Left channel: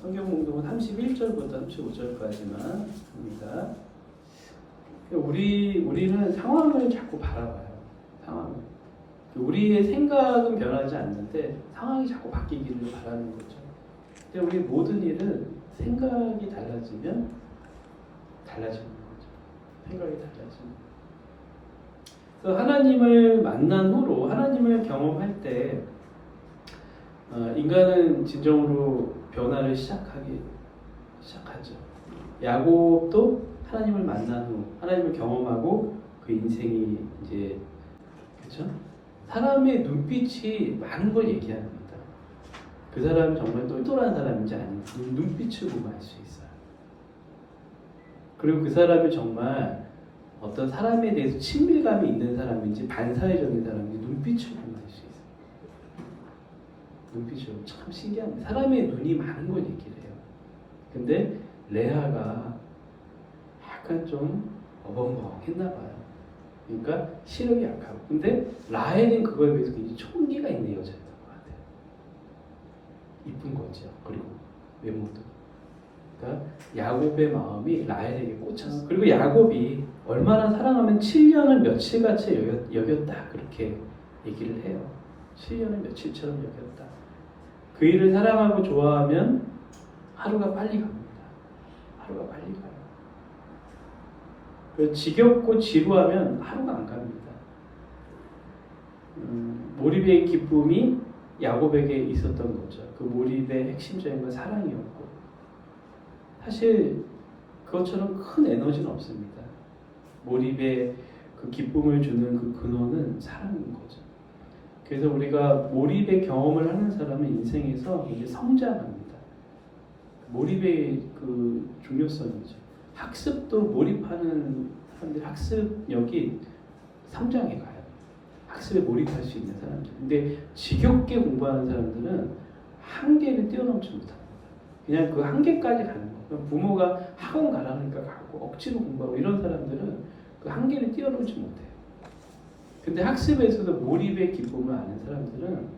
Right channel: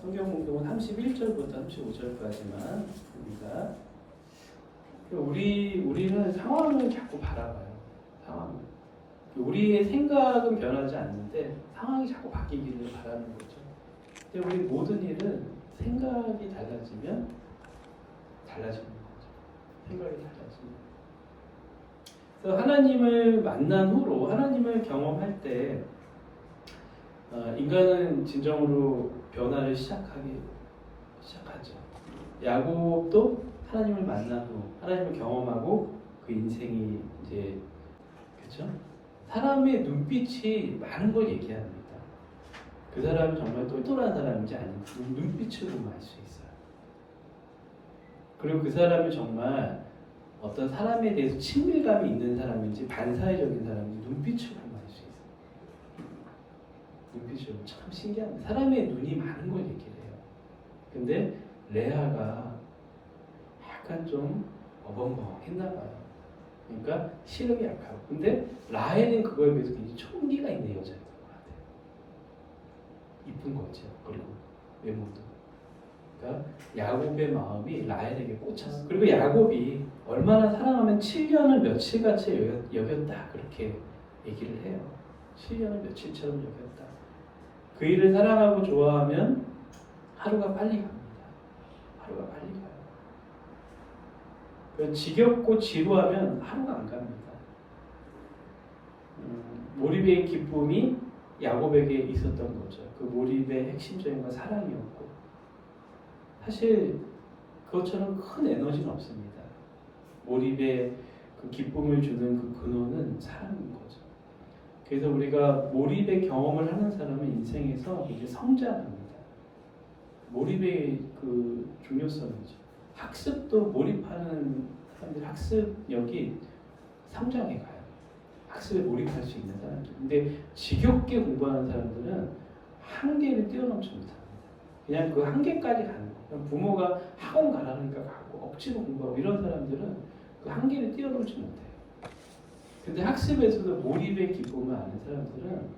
성경 공동은 31절부터 35절까지만 합니다. 우리는 상황을 자꾸 바라봐요. 상황을. 우리의 생각은 변하지 않는데 상황이 자꾸 바뀌기를 바라는 거죠. 근데 우리 모든 일은 생각이 달라지면 달라지는 거죠. 생각이 달라지면. 그래서 하나님을 만난 후로 하나님을 경험할 때 인간은 진정으로 변화를 시작하죠. 야곱도 하나님을 만난 후 하나님을 경험하고 그 인생이 이제 그렇죠? 사람의 눈빛이 많은 걸 얘기합니다. 그 사람이 정말 똘똘한 사람인지 아닌지 눈빛으로 알 수 있어요. 그리고 그 사람이 정말 어떤 사람에 대해서 친밀감이 있는 사람인지 반사회적인 사람인지 눈빛으로 알 수 있어요. 눈빛으로. 참 신기합니다. 사람의 눈이 많은 걸 얘기를 해요. 근데 레아가 약간 좀 어벙벙했나 봐요. 그러니까 시력이 약하고. 근데 라헬은 그거에 비해서 굉장히 총기가 있는 여자였던 것 같아요. 이쁜 거죠. 그리고 외모도. 그러니까 야곱의 마음이 라헬에게 꽂혔어. 그리고 야곱이 얼마나 사랑하면 7년을 며칠같이 여겼다. 그렇게 얘기를 해요. 7년을 며칠처럼 여겼다. 그 일을 사랑하고 좋아하면 하루가 빨리 갑니다. 하루가 빨리 가요. 지겹고 지루하면 하루가 안 갑니다. 몰입의 기쁨이 야곱에게 있었던 거죠. 그 몰입의 핵심적인 건 사랑이었고 사실 그것처럼 큰 에너지는 없습니다. 몰입의 그 기쁨을 주는 그 근원은 사랑인 거죠. 그래서 우리가 몰입의 경험을 하는 사람은 인생에서 이제 성장합니다. 몰입의 그 중요성이죠. 학습도 몰입하는 사람들 학습력이 성장해 가요. 학습에 몰입할 수 있는 사람들. 근데 지겹게 공부하는 사람들은 한계를 뛰어넘지 못합니다. 그냥 그 한계까지 가는 거예요. 부모가 학원 가라니까 가고 억지로 공부하고 이런 사람들은 그 한계를 뛰어넘지 못해요. 근데 학습에서도 몰입의 기쁨을 아는 사람들은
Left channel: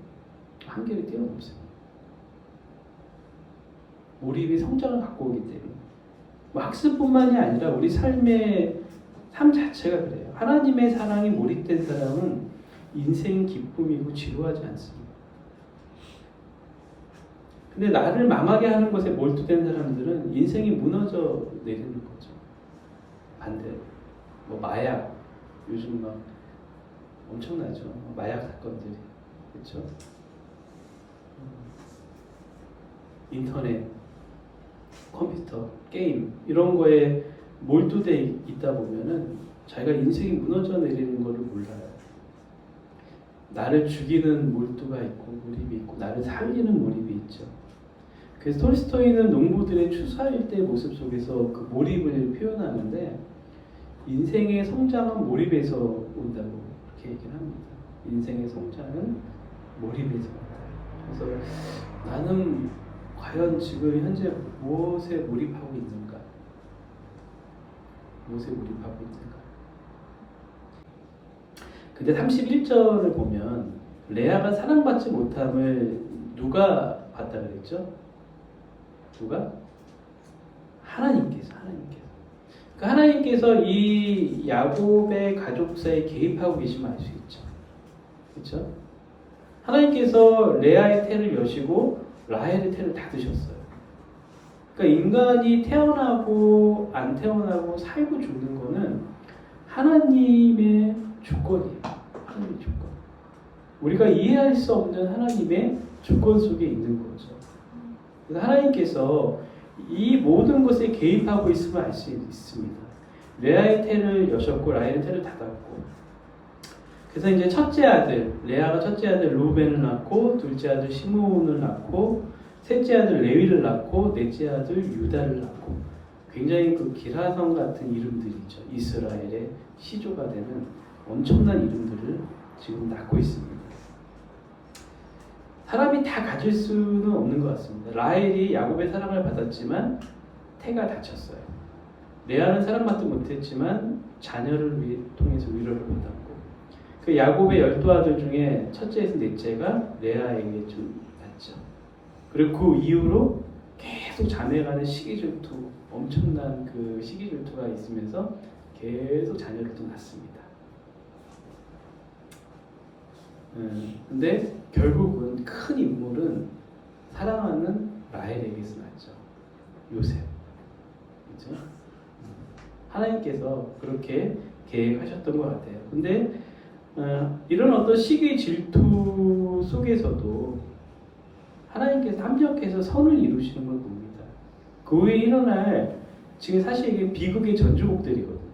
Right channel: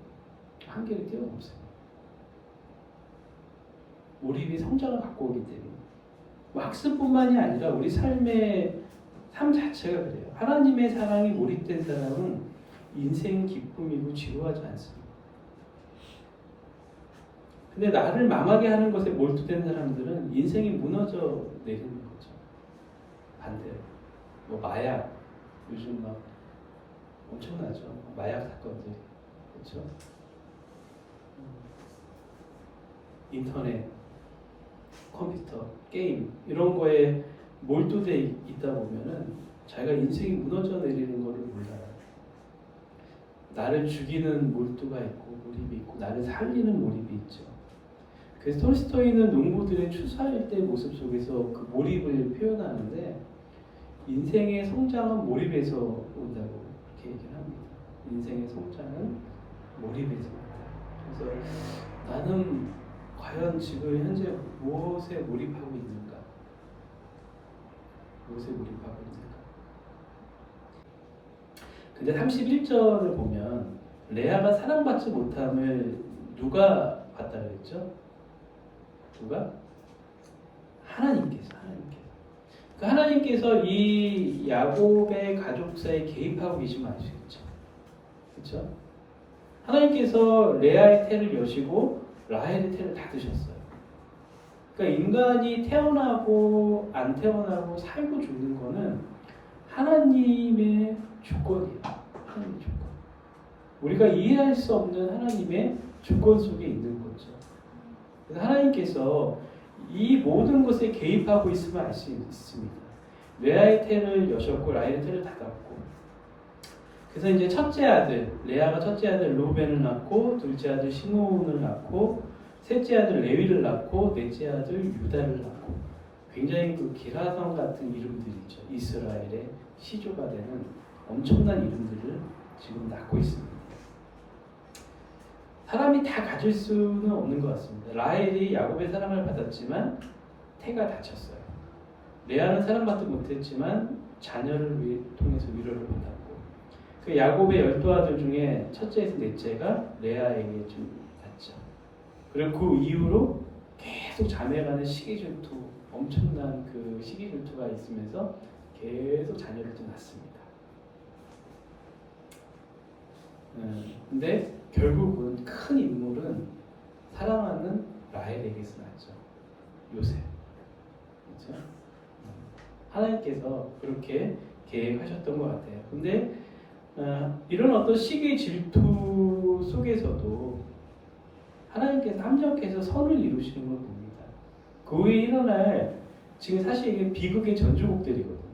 한계를 뛰어넘습니다. 몰입이 성장을 갖고 오기 때문에. 학습뿐만이 아니라 우리 삶의 삶 자체가 그래요. 하나님의 사랑이 몰입된 사람은 인생 기쁨이고 지루하지 않습니다. 근데 나를 망하게 하는 것에 몰두된 사람들은 인생이 무너져 내리는 거죠. 반대로 마약 요즘 막 엄청나죠. 마약 사건들이 그렇죠. 인터넷, 컴퓨터, 게임 이런 거에 몰두돼 있다 보면은 자기가 인생이 무너져 내리는 것을 몰라요. 나를 죽이는 몰두가 있고 몰입이 있고 나를 살리는 몰입이 있죠. 그래서 톨스토이는 농부들의 추수할 때의 모습 속에서 그 몰입을 표현하는데 인생의 성장은 몰입에서 온다고 그렇게 얘기를 합니다. 인생의 성장은 몰입에서 온다. 그래서 나는 과연 지금 현재 무엇에 몰입하고 있는가? 무엇에 몰입하고 있는가? 근데 31절을 보면 레아가 사랑받지 못함을 누가 봤다 그랬죠? 누가? 하나님께서. 그러니까 하나님께서 이 야곱의 가족사에 개입하고 계시면 알 수 있죠. 그렇죠? 하나님께서 레아의 태를 여시고 라헬의 태를 닫으셨어요. 그러니까 인간이 태어나고 안 태어나고 살고 죽는 거는 하나님의 조건이에요. 하나님의 조건. 우리가 이해할 수 없는 하나님의 조건 속에 있는 거죠. 그래서 하나님께서 이 모든 것에 개입하고 있음을 알 수 있습니다. 레아의 태를 여셨고 라헬의 태를 닫았고. 그래서 이제 첫째 아들 레아가 첫째 아들 루벤을 낳고 둘째 아들 시므온을 낳고 셋째 아들 레위를 낳고 넷째 아들 유다를 낳고 굉장히 그 기라성 같은 이름들이죠. 이스라엘의 시조가 되는 엄청난 이름들을 지금 낳고 있습니다. 사람이 다 가질 수는 없는 것 같습니다. 라헬이 야곱의 사랑을 받았지만 태가 다쳤어요. 레아는 사랑받지 못했지만 자녀를 통해서 위로를 받았고 그 야곱의 12아들 중에 첫째에서 넷째가 레아에게 좀 낳죠. 그리고 그 이후로 계속 계속 자매 간의 시기 질투, 엄청난 그 시기 질투가 있으면서 계속 자녀를 또 낳습니다. 근데 결국은 큰 인물은 사랑하는 라헬에게서 낳죠. 요셉. 그렇죠? 하나님께서 그렇게 계획하셨던 것 같아요. 근데 이런 어떤 시기 질투 속에서도 하나님께서 합력해서 선을 이루시는 걸 봅니다. 그 후에 일어날 지금 사실 이게 비극의 전주곡들이거든요.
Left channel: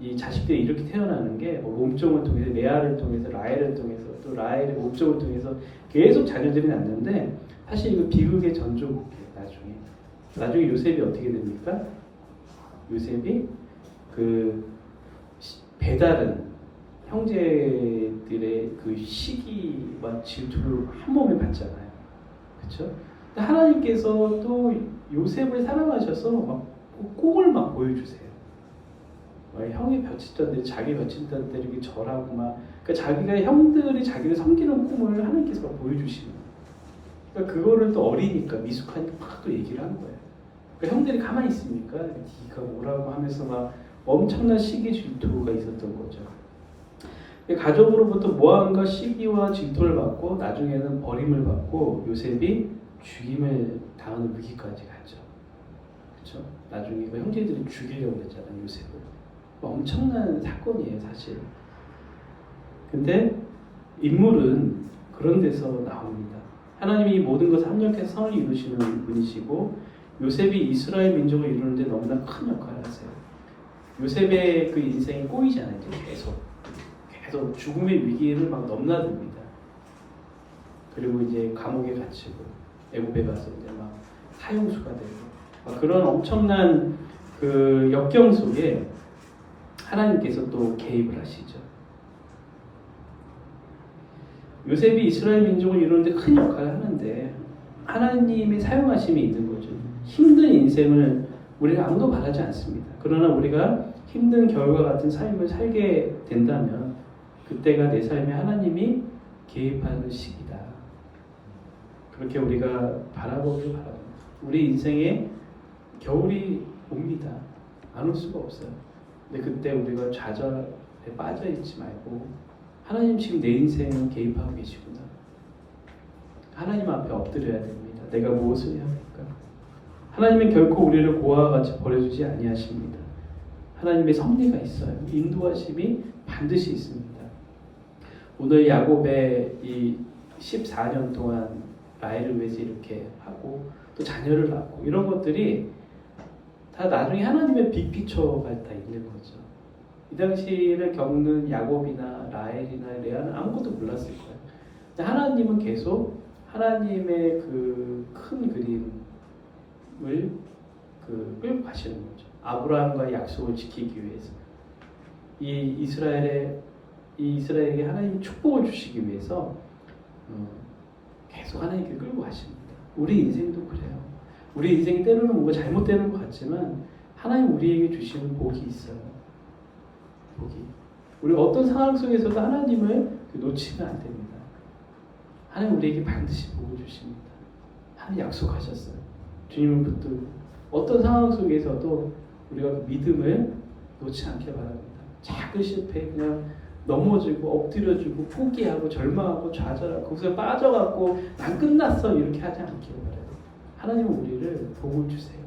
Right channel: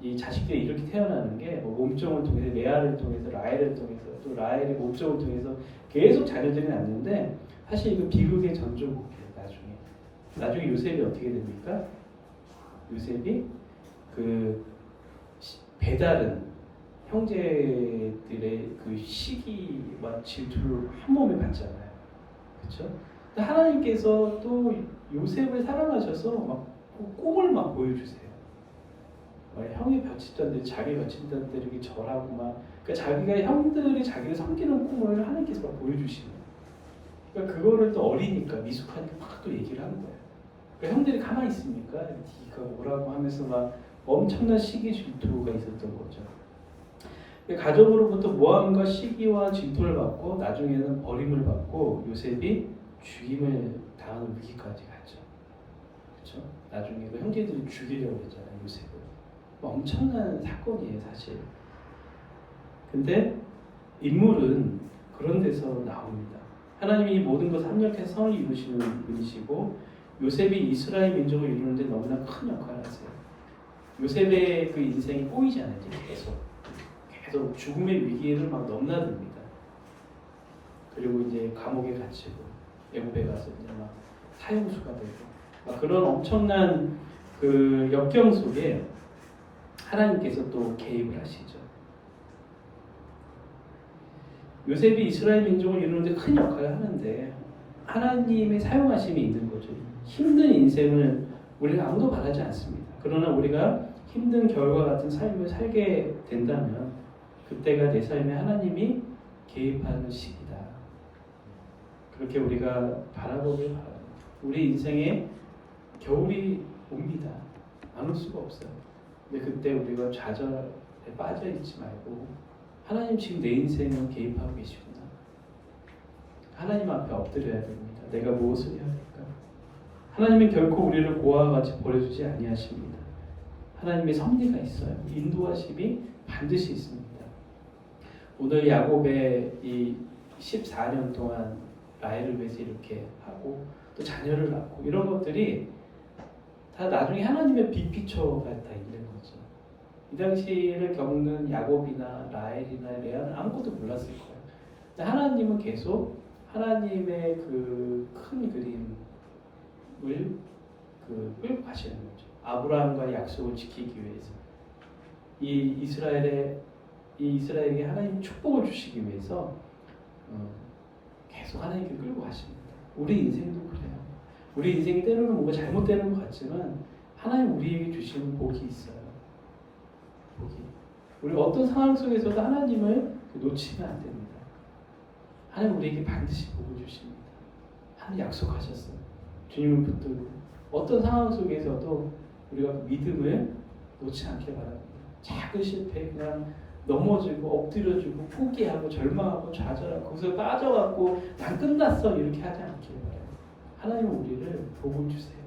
이 자식들이 이렇게 태어나는 게뭐 몸종을 통해서 레아를 통해서 라헬을 통해서 또 라헬의 몸종을 통해서 계속 자녀들이 낳는데 사실 이거 비극의 전주곡이에요. 나중에 요셉이 어떻게 됩니까? 요셉이 그 배다른 형제들의 그 시기와 질투를 한 몸에 받잖아요. 그렇죠? 하나님께서 또 요셉을 사랑하셔서 막 꿈을 막 보여주세요. 형이 벼친다는데 자기 벼친다는데 이렇게 절하고 막 그러니까 자기가 형들이 자기를 섬기는 꿈을 하나님께서 막 보여주시는 거예요. 그러니까 그거를 또 어리니까 미숙하니까 막 또 얘기를 하는 거예요. 그러니까 형들이 가만히 있습니까? 네가 오라고 하면서 막 엄청난 시기 질투가 있었던 거죠. 가족으로부터 모함과 시기와 질투를 받고 나중에는 버림을 받고 요셉이 죽임을 당하는 위기까지 가죠. 그렇죠? 나중에 그 형제들이 죽이려고 했잖아요, 요셉을. 엄청난 사건이에요, 사실. 근데 인물은 그런 데서 나옵니다. 하나님이 모든 것을 합력해서 선을 이루시는 분이시고 요셉이 이스라엘 민족을 이루는데 너무나 큰 역할을 하세요. 요셉의 그 인생이 꼬이잖아요, 계속 죽음의 위기를 막 넘나듭니다. 그리고 이제 감옥에 갇히고 애굽에 가서 이제 막 사형수가 되고 막 그런 엄청난 그 역경 속에 하나님께서 또 개입을 하시죠. 요셉이 이스라엘 민족을 이루는데 큰 역할을 하는데 하나님의 사용하심이 있는 거죠. 힘든 인생을 우리가 아무도 바라지 않습니다. 그러나 우리가 힘든 겨울과 같은 삶을 살게 된다면 그때가 내 삶에 하나님이 개입하는 시기다. 그렇게 우리가 바라보길 바랍니다. 우리 인생에 겨울이 옵니다. 안 올 수가 없어요. 근데 그때 우리가 좌절에 빠져 있지 말고 하나님 지금 내 인생을 개입하고 계시구나. 하나님 앞에 엎드려야 됩니다. 내가 무엇을 해야 할까? 하나님은 결코 우리를 고아와 같이 버려주지 아니하십니다. 하나님의 섭리가 있어요. 인도하심이 반드시 있습니다. 오늘 야곱의 이 14년 동안 라헬을 위해서 이렇게 하고 또 자녀를 낳고 이런 것들이 다 나중에 하나님의 빅피처가 다 있는 거죠. 이 당시를 겪는 야곱이나 라헬이나 레아는 아무것도 몰랐을 거예요. 근데 하나님은 계속 하나님의 그 큰 그림을 끌고 가시는 거죠. 아브라함과의 약속을 지키기 위해서 이 이스라엘에게 하나님 축복을 주시기 위해서 계속 하나님께 끌고 가십니다. 우리 인생도 그래요. 우리 인생이 때로는 뭔가 잘못되는 것 같지만 하나님 우리에게 주시는 복이 있어요. 복이. 우리 어떤 상황 속에서도 하나님을 놓치면 안 됩니다. 하나님 우리에게 반드시 복을 주십니다. 하나님 약속하셨어요. 주님을 붙들고 어떤 상황 속에서도 우리가 그 믿음을 놓지 않기를 바랍니다. 작은 실패에 그냥 넘어지고 엎드려지고 포기하고 절망하고 좌절하고 거기서 빠져갖고 난 끝났어 이렇게 하지 않기를 바라요. 하나님은 우리를 복을 주세요.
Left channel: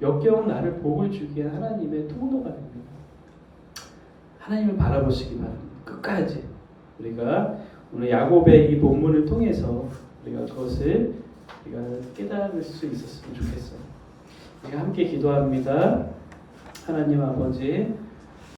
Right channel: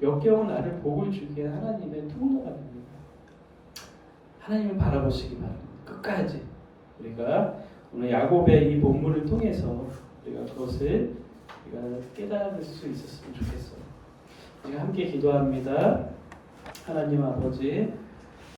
역경은 나를 복을 주기에 하나님의 통로가 됩니다. 하나님을 바라보시기 바랍니다. 끝까지 우리가 오늘 야곱의 이 본문을 통해서 우리가 그것을 우리가 깨달을 수 있었으면 좋겠어요. 우리가 함께 기도합니다. 하나님 아버지